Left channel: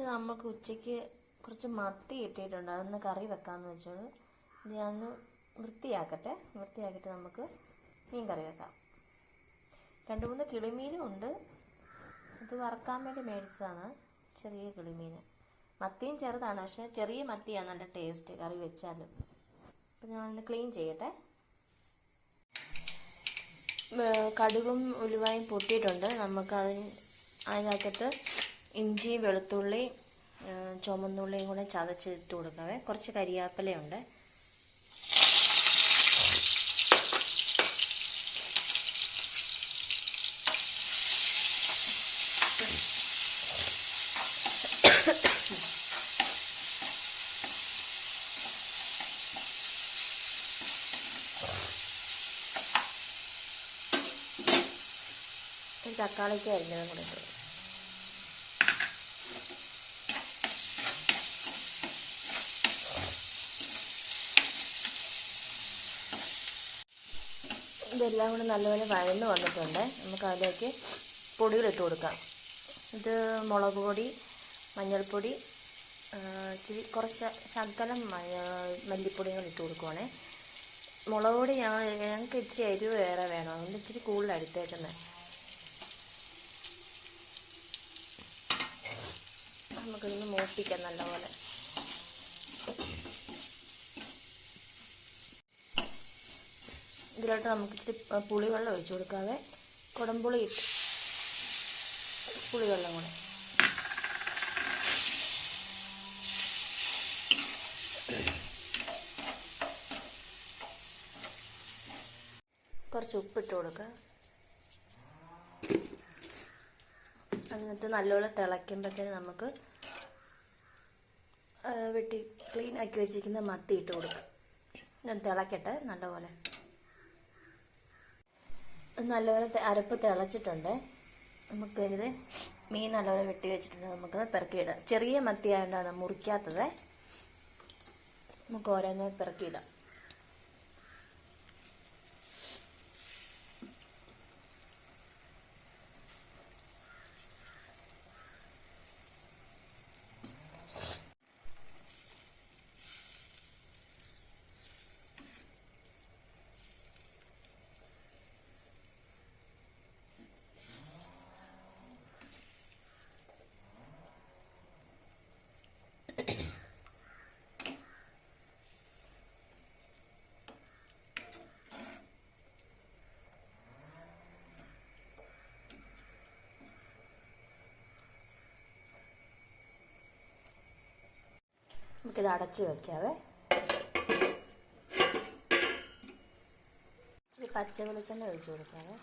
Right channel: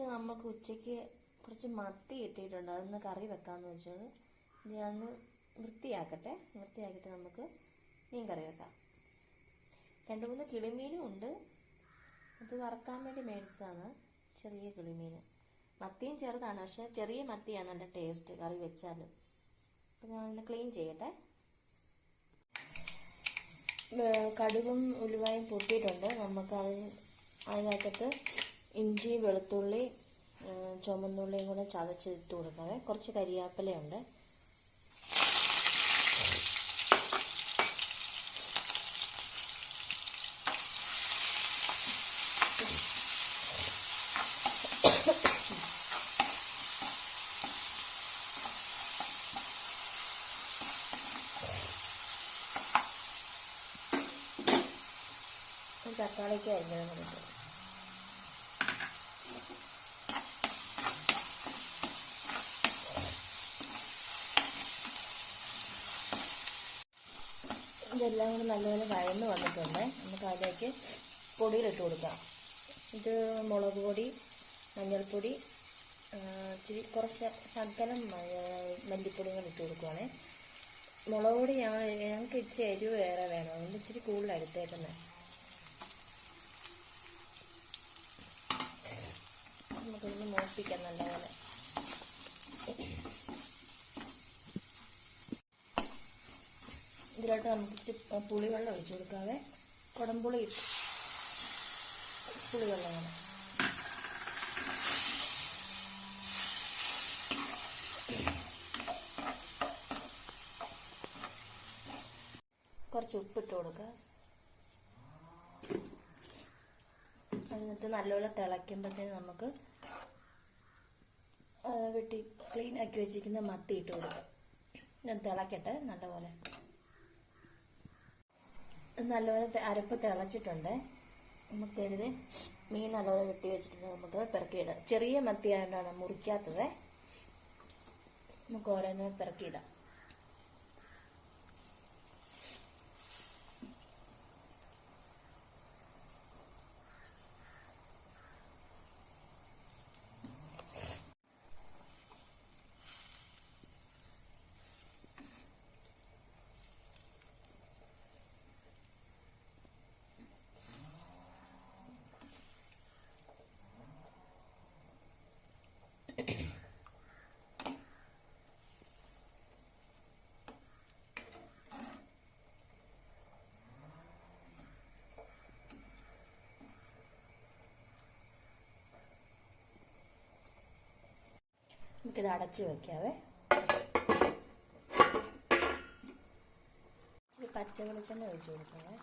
പിന്നെ നമുക്ക് ഉച്ചയ്ക്ക് കുറച്ച് മത്തി ഇട്ടിട്ടുണ്ട്, അതൊന്ന് കറി വെക്കാമെന്ന് വെച്ചാൽ ഞാനൊന്ന് വൃത്തിയാക്കിയിട്ട് നമുക്ക് മീൻ കറി വെക്കാം. 2-3 കിളിമീനും ഉണ്ട്, അത് വറക്കാൻ വേണ്ടി മേടിച്ചതാണ്. ചെറിയ കിളിമീൻ, മത്തിയും ചെറുതാണ്, പക്ഷേ ചെറിയ മത്തിയാണ് നല്ല ടേസ്റ്റ് കറി വെച്ചാലും. അപ്പം ഞാനൊന്ന് ക്ലീൻ ചെയ്യട്ടെ. കടുകും ഉലുവായും പൊട്ടിയിട്ടുണ്ട്. അതിനകത്തിട്ട് ഇഞ്ചി, വെളുത്തുള്ളി, ചുമന്നുള്ളിയും കൂടെ ചതച്ചിട്ട് കൊടുക്കാവേ. കുറച്ച് കരിയാപ്പിലയുണ്ട്. തക്കാളിക്ക് അരിഞ്ഞതും കൂടെ ഇട്ടു. ഇതെല്ലാം കൂടെ നല്ലപോലെ വഴന്ന് വന്നിട്ടുണ്ട്. നമുക്ക് അതിലേക്ക് പൊടികളിട്ട് കൊടുക്കാം. ഇത് മുളക് പൊടി, മഞ്ഞൾപ്പൊടി, കുറച്ച് ശകലം മല്ലിപ്പൊടിയും കൂടി ഇട്ട് കൊടുക്കുവാണേ. മുളക് പൊടി ഞങ്ങൾക്ക് ഇച്ചിരി എരിവ് വേറെ വേണം, അതുകൊണ്ട് ഇച്ചിരി കൂടുതൽ എടുത്തേക്കുന്നത്. നമുക്കിതൊന്ന് മൂപ്പിക്കാം നല്ലപോലെ. ഇതിലോട്ട് നമുക്ക് ഇച്ചിരി പുളിവെള്ളം ഒഴിച്ചു കൊടുക്കാതെ, കുടംപുളി പുളിവെള്ളം കൂടെ. കുറച്ച് ഉപ്പിട്ട് കൊടുക്കുക. എന്നിട്ട് നല്ലപോലെ തിളയ്ക്കുമ്പോഴത്തേന് നമുക്ക് വെട്ടി ക്ലീൻ ആക്കി വെച്ചിരിക്കുന്ന മത്തി ഇട്ട് കൊടുക്കുക. ഞാൻ തിളക്കട്ടെ നല്ലപോലെ. അരപ്പ് തിളച്ചിട്ടുണ്ട്. നമുക്കിത് മീൻ നല്ലപോലെ വെട്ടി വെച്ചിട്ടുണ്ട്, നമുക്ക് പെറുക്കിയിടാം. ചെറിയ മത്തി ആയതുകൊണ്ടാണ് മുറിക്കാത്തത്. നമുക്ക് ഓരോന്ന് പെറുക്കിയിടാം. നമുക്കിത് അടച്ച് വയ്ക്കാവേ. ഇച്ചിരി പച്ച വെളിച്ചെണ്ണ ഒഴിച്ച് കൊടുക്കാവേ.